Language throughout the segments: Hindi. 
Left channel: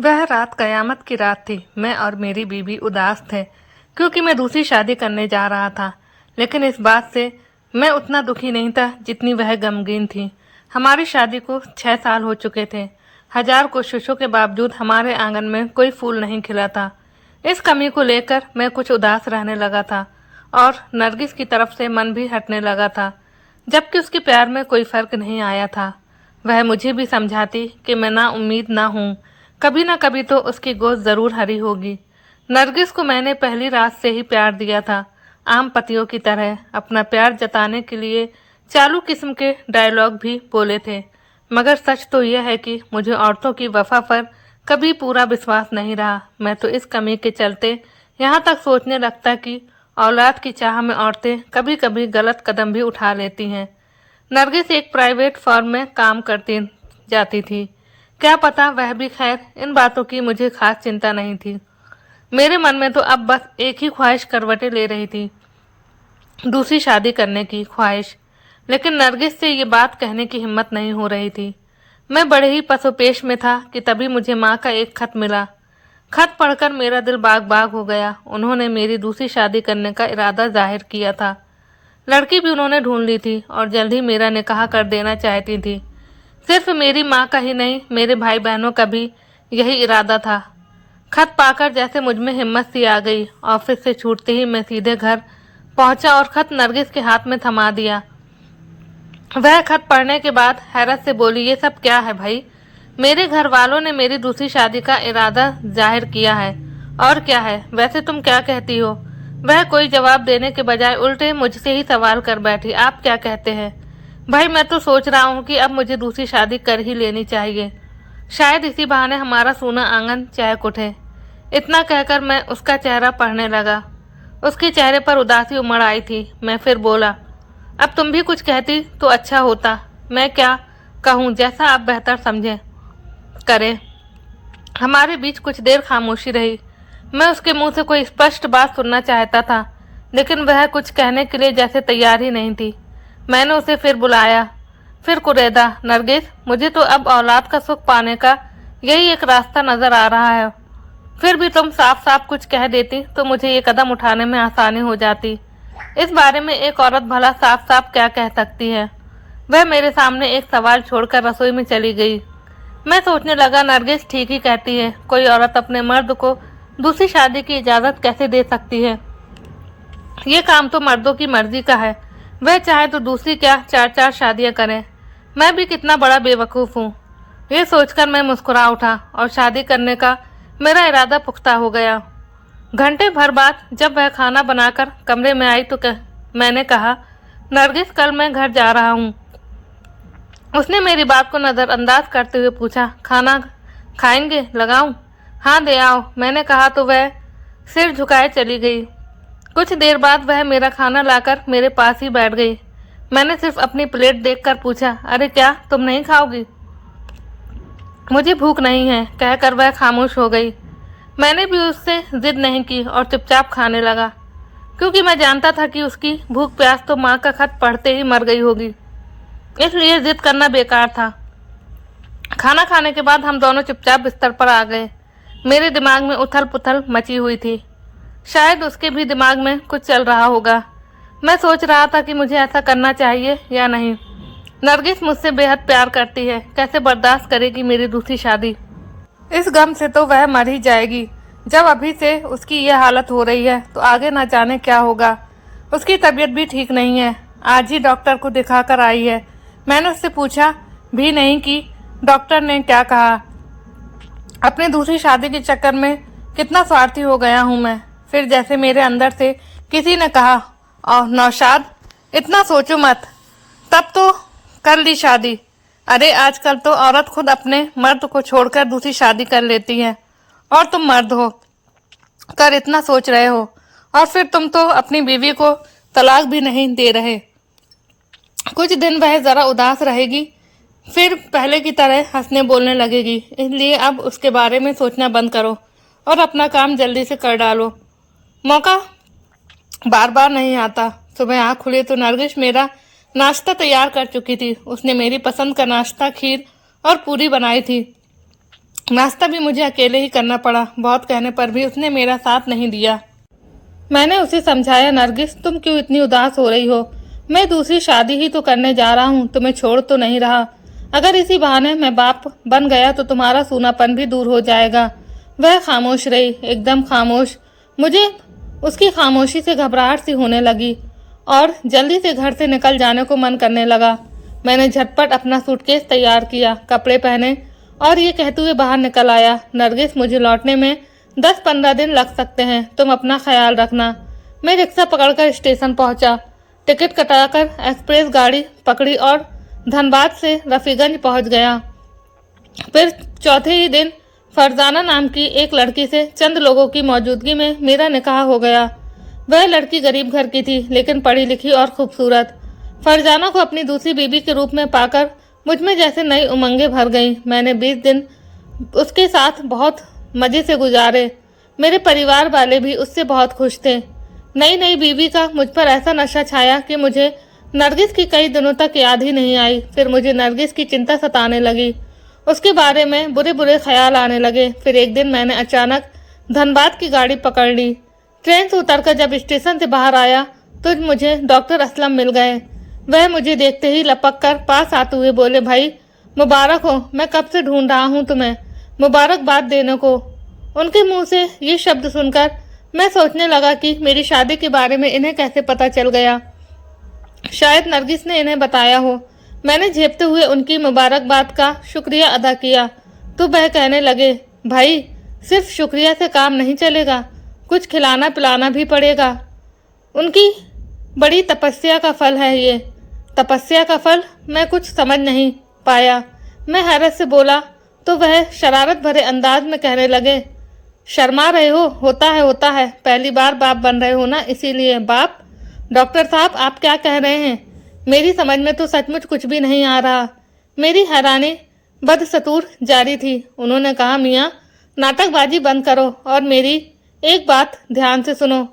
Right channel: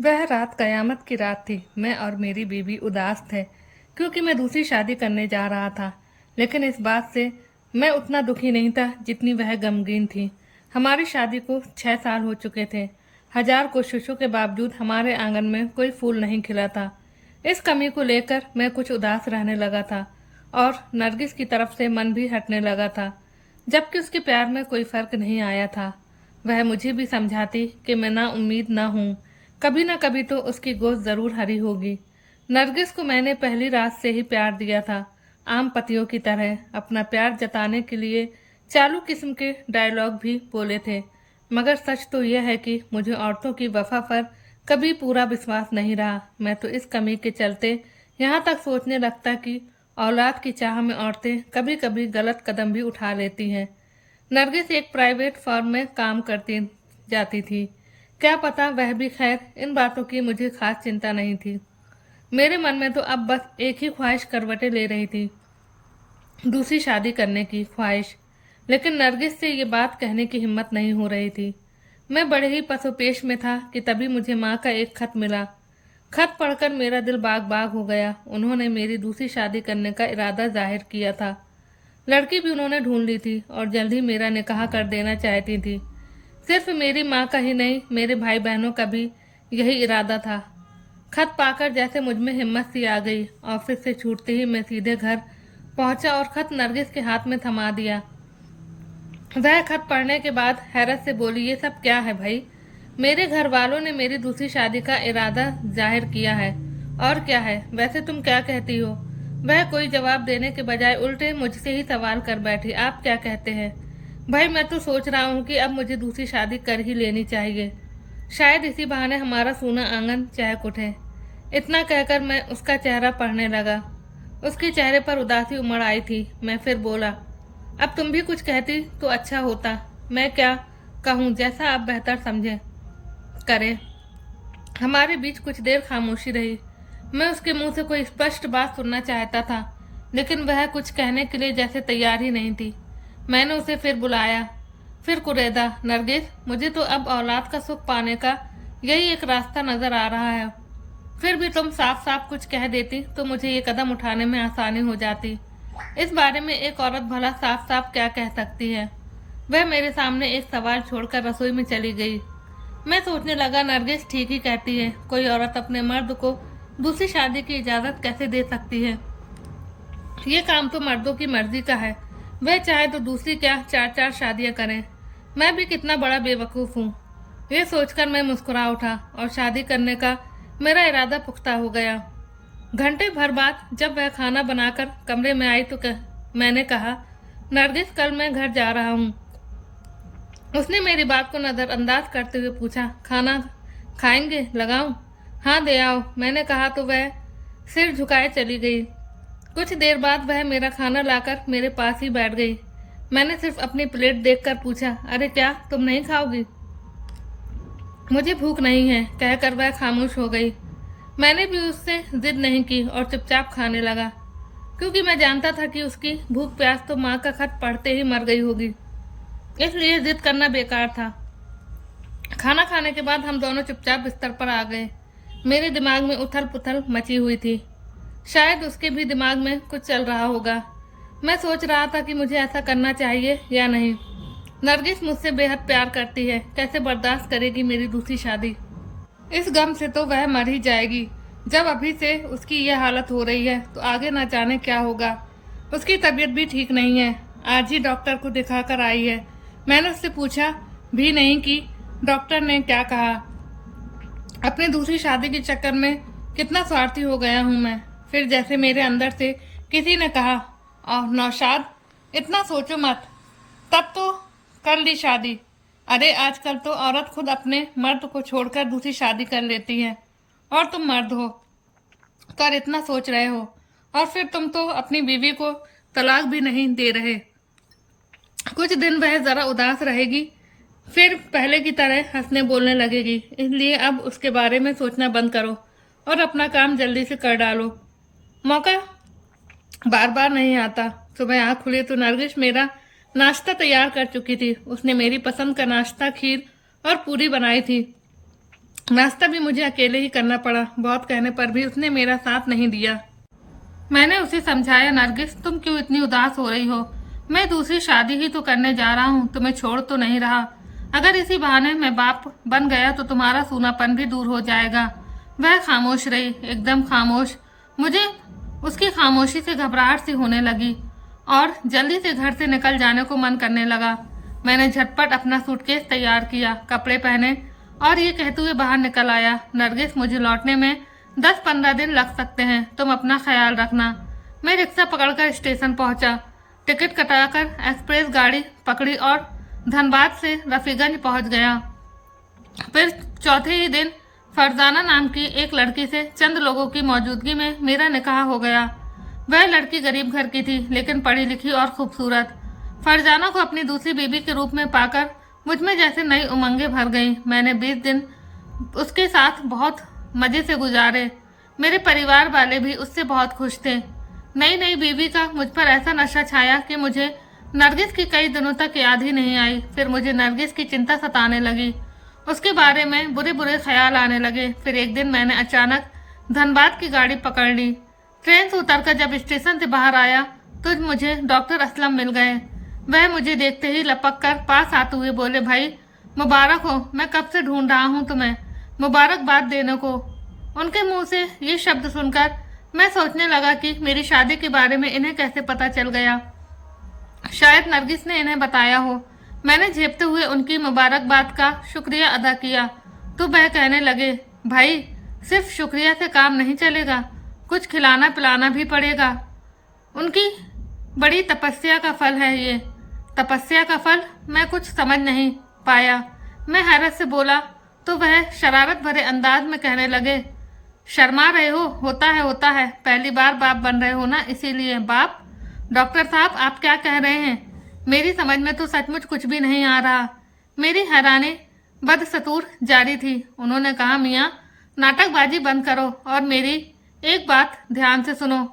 वह रात कयामत की रात थी। मैं और मेरी बीवी उदास थे क्योंकि मैं दूसरी शादी करने जा रहा था। लेकिन इस बात से मैं उतना दुखी नहीं था जितनी वह गमगीन थी। हमारी शादी को 6 साल हो चुके थे। हजार कोशिशों के बावजूद हमारे आंगन में कोई फूल नहीं खिला था। इस कमी को लेकर मैं कुछ उदास रहने लगा था और नरगिस की तरफ से मन भी हटने लगा था, जबकि उसके प्यार में कोई फर्क नहीं आया था। वह मुझे भी समझाती कि मैं ना उम्मीद ना हूँ, कभी ना कभी तो उसकी गोद जरूर हरी होगी। नरगिस को मैंने पहली रात से ही प्यार दिया था। आम पतियों की तरह अपना प्यार जताने के लिए चालू किस्म के डायलॉग भी बोले थे। मगर सच तो यह है कि मुझे औरतों की वफा पर कभी पूरा विश्वास नहीं रहा। मैं तो इस कमी के चलते यहाँ तक सोचने लगता कि औलाद की चाह में औरतें कभी कभी गलत कदम भी उठा लेती हैं। नरगिस एक प्राइवेट फर्म में काम करती जाती थी। क्या पता वह भी, खैर इन बातों की मुझे खास चिंता नहीं थी। मेरे मन में तो अब बस एक ही ख्वाहिश करवटें ले रही थी, दूसरी शादी करने की ख्वाहिश। लेकिन नरगिस से ये बात कहने की हिम्मत नहीं हो रही थी। मैं बड़े ही पसोपेश में था कि तभी मुझे माँ का एक खत मिला। खत पढ़कर मेरा दिल बाग बाग हो गया। उन्होंने मेरी दूसरी शादी करने का इरादा जाहिर किया था। लड़की भी उन्होंने ढूंढ ली थी और जल्द ही मेरा निकाह कर देना चाहती थी। सिर्फ मेरी माँ का ही नहीं, मेरे भाई बहनों का भी यही इरादा था। खत पाकर जैसे मुझ में हिम्मत सी आ गई। ऑफिस से छूटते ही मैं सीधे घर पहुंचा और खत नरगिस के हाथ में थमा दिया। वह खत पढ़ने के बाद हैरत से बोली, ये सब क्या है भाई? मेरे घर वालों ने मेरी दूसरी शादी का इरादा जाहिर किया है। और क्या है? वैसे तुम क्या कहती हो? वह कोई जवाब देने के बजाय उल्टे मुझसे ही सवाल कर बैठी, आप क्या कहते हैं? भाई मैं तो सोच रहा हूँ कि अब मुझे दूसरी शादी कर ही लेनी चाहिए। शायद इसी बहाने हमारा सूना आंगन चहक उठे। इतना कहकर मैं उसका चेहरा पढ़ने लगा। उसके चेहरे पर उदासी उमड़ आई थी। मैं फिर बोला, अब तुम भी कुछ कहती तो अच्छा होता। मैं क्या कहूँ, जैसा आप बेहतर समझें करें। हमारे बीच कुछ देर खामोशी रही। मैं उसके मुंह से कोई स्पष्ट बात सुनना चाहता था, लेकिन वह कुछ कहने के लिए जैसे तैयार ही नहीं थी। मैंने उसे फिर बुलाया, फिर कुरेदा, नरगिस, मुझे तो अब औलाद का सुख पाने का यही एक रास्ता नजर आ रहा है। फिर भी तुम साफ साफ कुछ कह देती तो मुझे ये कदम उठाने में आसानी हो जाती। इस बारे में एक औरत भला साफ साफ क्या कह सकती है? वह मेरे सामने एक सवाल छोड़कर रसोई में चली गई। मैं सोचने लगा, नरगिस ठीक ही कहती है। कोई औरत अपने मर्द को दूसरी शादी की इजाजत कैसे दे सकती है? ये काम तो मर्दों की मर्जी का है। वह चाहे तो दूसरी क्या 4-4 शादियां करें। मैं भी कितना बड़ा बेवकूफ हूँ। ये सोचकर मैं मुस्कुरा उठा और शादी करने का मेरा इरादा पुख्ता हो गया। घंटे भर बाद जब वह खाना बनाकर कमरे में आई तो मैंने कहा, नरगिस, कल मैं घर जा रहा हूँ। उसने मेरी बात को नजरअंदाज करते हुए पूछा, खाना खाएंगे? लगाऊं? हाँ दे आओ, मैंने कहा तो वह सिर झुकाए चली गई। कुछ देर बाद वह मेरा खाना लाकर मेरे पास ही बैठ गई। मैंने सिर्फ अपनी प्लेट देखकर पूछा, अरे क्या तुम नहीं खाओगी? मुझे भूख नहीं है, कहकर वह खामोश हो गई। मैंने भी उससे जिद नहीं की और चुपचाप खाने लगा, क्योंकि मैं जानता था कि उसकी भूख प्यास तो माँ का खत पढ़ते ही मर गई होगी, इसलिए जिद करना बेकार था। खाना खाने के बाद हम दोनों चुपचाप बिस्तर पर आ गए। मेरे दिमाग में उथल पुथल मची हुई थी। शायद उसके भी दिमाग में कुछ चल रहा होगा। मैं सोच रहा था कि मुझे ऐसा करना चाहिए या नहीं। नरगिस मुझसे बेहद प्यार करती है, कैसे बर्दाश्त करेगी मेरी दूसरी शादी? इस गम से तो वह मर ही जाएगी। जब अभी से उसकी यह हालत हो रही है तो आगे ना जाने क्या होगा। उसकी तबीयत भी ठीक नहीं है। आज ही डॉक्टर को दिखा कर आई है। मैंने उससे पूछा भी नहीं कि डॉक्टर ने क्या कहा। अपनी दूसरी शादी के चक्कर में कितना स्वार्थी हो गया हूँ मैं। फिर जैसे मेरे अंदर से किसी ने कहा, और नौशाद, इतना सोचो मत, तब तो कर ली शादी। अरे आजकल तो औरत खुद अपने मर्द को छोड़कर दूसरी शादी कर लेती है, और तुम मर्द हो कर इतना सोच रहे हो, और फिर तुम तो अपनी बीवी को तलाक भी नहीं दे रहे। कुछ दिन वह जरा उदास रहेगी, फिर पहले की तरह हंसने बोलने लगेगी। इसलिए अब उसके बारे में सोचना बंद करो और अपना काम जल्दी से कर डालो। मौका बार बार नहीं आता। सुबह आँख खुली तो नरगिस मेरा नाश्ता तैयार कर चुकी थी। उसने मेरी पसंद का नाश्ता, खीर और पूरी बनाई थी। नाश्ता भी मुझे अकेले ही करना पड़ा। बहुत कहने पर भी उसने मेरा साथ नहीं दिया। मैंने उसे समझाया, नरगिस तुम क्यों इतनी उदास हो रही हो? मैं दूसरी शादी ही तो करने जा रहा हूँ, तुम्हें छोड़ तो नहीं रहा। अगर इसी बहाने मैं बाप बन गया तो तुम्हारा सूनापन भी दूर हो जाएगा। वह खामोश रही, एकदम खामोश। मुझे उसकी खामोशी से घबराहट सी होने लगी और जल्दी से घर से निकल जाने को मन करने लगा। मैंने झटपट अपना सूटकेस तैयार किया, कपड़े पहने और ये कहते हुए बाहर निकल आया, नरगिस मुझे लौटने में 10-15 दिन लग सकते हैं, तुम अपना ख्याल रखना। मैं रिक्शा पकड़कर स्टेशन पहुंचा, टिकट कटाकर एक्सप्रेस गाड़ी पकड़ी और धनबाद से रफीगंज पहुंच गया। फिर चौथे ही दिन फरजाना नाम की एक लड़की से चंद लोगों की मौजूदगी में मेरा निकाह हो गया। वह लड़की गरीब घर की थी, लेकिन पढ़ी लिखी और खूबसूरत। फरजाना को अपनी दूसरी बीबी के रूप में पाकर मुझ में जैसे नई उमंगें भर गईं। मैंने 20 दिन उसके साथ बहुत मजे से गुजारे। मेरे परिवार वाले भी उससे बहुत खुश थे। नई नई बीवी का मुझ पर ऐसा नशा छाया कि मुझे नरगिस की कई दिनों तक याद ही नहीं आई। फिर मुझे नरगिस की चिंता सताने लगी, उसके बारे में बुरे बुरे ख्याल आने लगे। फिर एक दिन मैंने अचानक धनबाद की गाड़ी पकड़ ली। ट्रेन से उतरकर जब स्टेशन से बाहर आया तो मुझे डॉक्टर असलम मिल गए। वह मुझे देखते ही लपक कर पास आते हुए बोले, भाई मुबारक हो, मैं कब से ढूंढ रहा हूँ तुम्हें, मुबारकबाद देने को। उनके मुंह से ये शब्द सुनकर मैं सोचने लगा कि मेरी शादी के बारे में इन्हें कैसे पता चल गया। शायद नरगिस ने इन्हें बताया हो। मैंने झेपते हुए उनकी मुबारकबाद का शुक्रिया अदा किया तो वह कहने लगे, भाई सिर्फ शुक्रिया से काम नहीं चलेगा, कुछ खिलाना पिलाना भी पड़ेगा। उनकी बड़ी तपस्या का फल है ये। तपस्या का फल? मैं कुछ समझ नहीं पाया। मैं हैरत से बोला तो वह शरारत भरे अंदाज में कहने लगे, शर्मा रहे हो? होता है, पहली बार बाप बन रहे हो ना, इसीलिए। बाप? डॉक्टर साहब आप क्या कह रहे हैं? मेरी समझ में तो सचमुच कुछ भी नहीं आ रहा। मेरी हैरानी बदस्तूर जारी थी। उन्होंने कहा, मियाँ नाटकबाजी बंद करो और मेरी एक बात ध्यान से सुनो।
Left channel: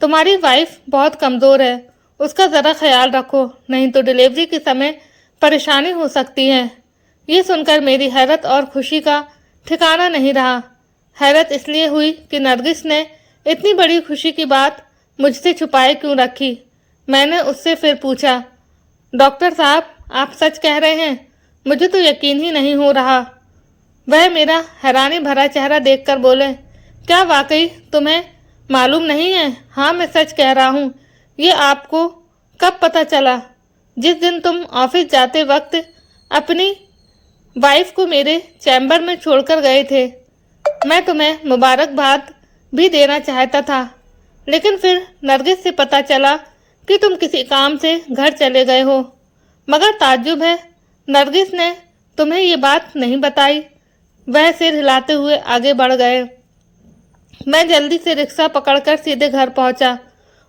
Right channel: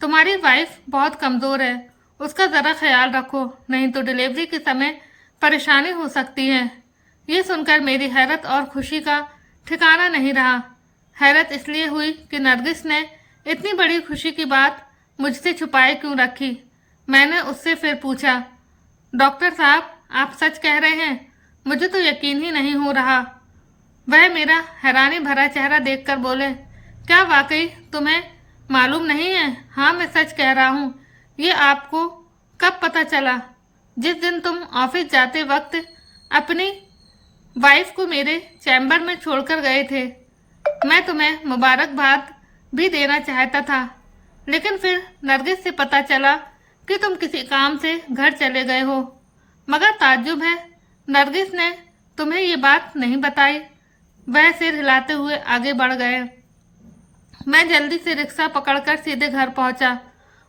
तुम्हारी वाइफ बहुत कमज़ोर है, उसका ज़रा ख्याल रखो, नहीं तो डिलीवरी के समय परेशानी हो सकती है। ये सुनकर मेरी हैरत और खुशी का ठिकाना नहीं रहा। हैरत इसलिए हुई कि नरगिस ने इतनी बड़ी खुशी की बात मुझसे छुपाए क्यों रखी। मैंने उससे फिर पूछा, डॉक्टर साहब आप सच कह रहे हैं? मुझे तो यकीन ही नहीं हो रहा। वह मेरा हैरानी भरा चेहरा देखकर बोले, क्या वाकई तुम्हें मालूम नहीं है? हाँ मैं सच कह रहा हूँ। ये आपको कब पता चला? जिस दिन तुम ऑफिस जाते वक्त अपनी वाइफ को मेरे चैम्बर में छोड़कर गए थे। मैं तुम्हें मुबारकबाद भी देना चाहता था, लेकिन फिर नरगिस से पता चला कि तुम किसी काम से घर चले गए हो। मगर ताज्जुब है, नरगिस ने तुम्हें ये बात नहीं बताई। वह सिर हिलाते हुए आगे बढ़ गए। मैं जल्दी से रिक्शा पकड़कर सीधे घर पहुंचा।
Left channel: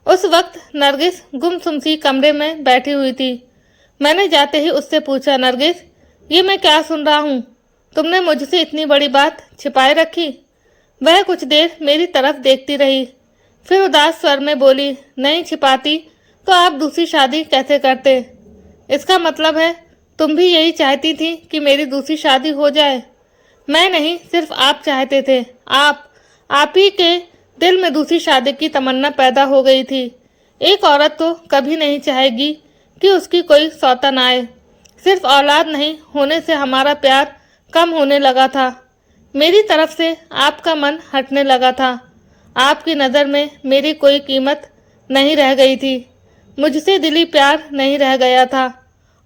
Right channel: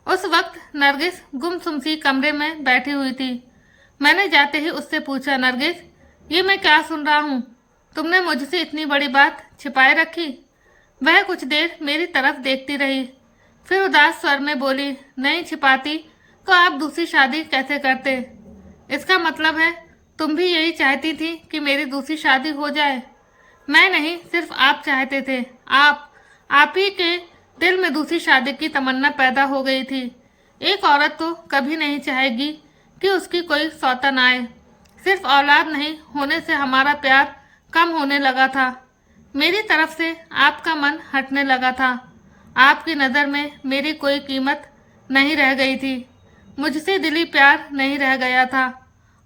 उस वक्त नरगिस गुमसुम सी कमरे में बैठी हुई थी। मैंने जाते ही उससे पूछा, नरगिस ये मैं क्या सुन रहा हूँ? तुमने मुझसे इतनी बड़ी बात छिपाए रखी? वह कुछ देर मेरी तरफ देखती रही, फिर उदास स्वर में बोली, नहीं छिपाती तो आप दूसरी शादी कैसे करते? इसका मतलब है तुम भी यही चाहती थी कि मेरी दूसरी शादी हो जाए? मैं नहीं, सिर्फ आप चाहते थे। आप ही के दिल में दूसरी शादी की तमन्ना पैदा हो गई थी। एक औरत तो कभी नहीं चाहेगी कि उसकी कोई सौतन आए। सिर्फ औलाद नहीं होने से हमारा प्यार कम होने लगा था। मेरी तरफ से आपका मन हटने लगा था। आपकी नज़र में मेरी कोई कीमत नहीं रह गई थी। मुझसे दिली प्यार नहीं रह गया था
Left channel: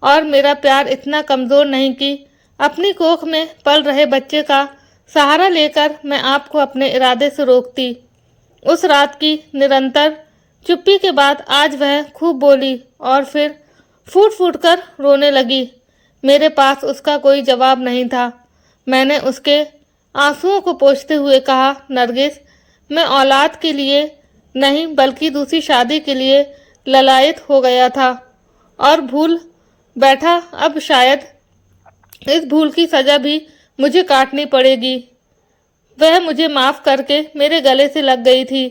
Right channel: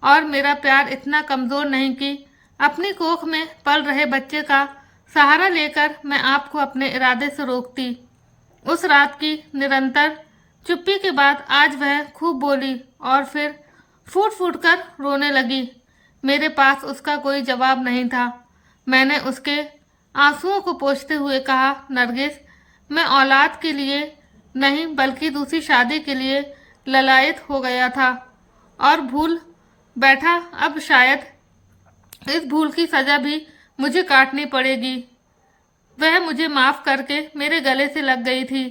और मेरा प्यार इतना कमज़ोर नहीं कि अपनी कोख में पल रहे बच्चे का सहारा लेकर मैं आपको अपने इरादे से रोकती। उस रात की निरंतर चुप्पी के बाद आज वह खूब बोली और फिर फूट फूट कर रोने लगी। मेरे पास उसका कोई जवाब नहीं था। मैंने उसके आंसुओं को पोंछते हुए कहा, नरगिस मैं औलाद के लिए नहीं बल्कि दूसरी शादी के लिए ललायत हो गया था और भूल बैठा। अब शायद इस भूल की सज़ा भी मुझे काटनी पड़ेगी। वह मुझे माफ़ करके मेरे गले से लग गई थी।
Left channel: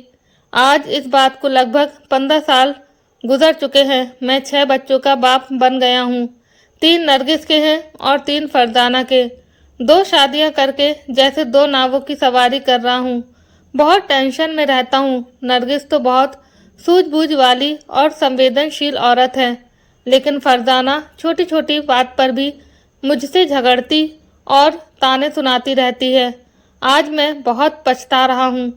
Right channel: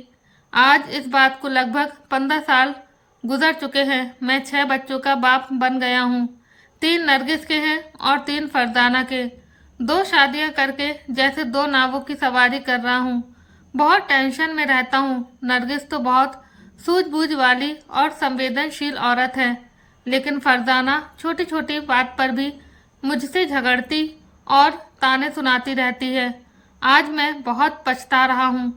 आज इस बात को लगभग 15 साल गुजर चुके हैं। मैं 6 बच्चों का बाप बन गया हूँ। 3 नरगिस के हैं और 3 फरजाना के। दो शादियां करके जैसे दो नावों की सवारी कर रहा हूँ। बहुत टेंशन में रहता हूँ। नरगिस तो बहुत सूझबूझ वाली और संवेदनशील औरत है, लेकिन फरजाना छोटी छोटी बात पर भी मुझसे झगड़ती और ताने सुनाती रहती है। आज मैं बहुत पछता रहा हूँ।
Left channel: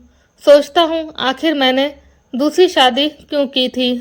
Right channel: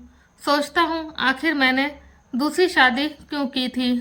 सोचता हूँ आखिर मैंने दूसरी शादी क्यों की थी।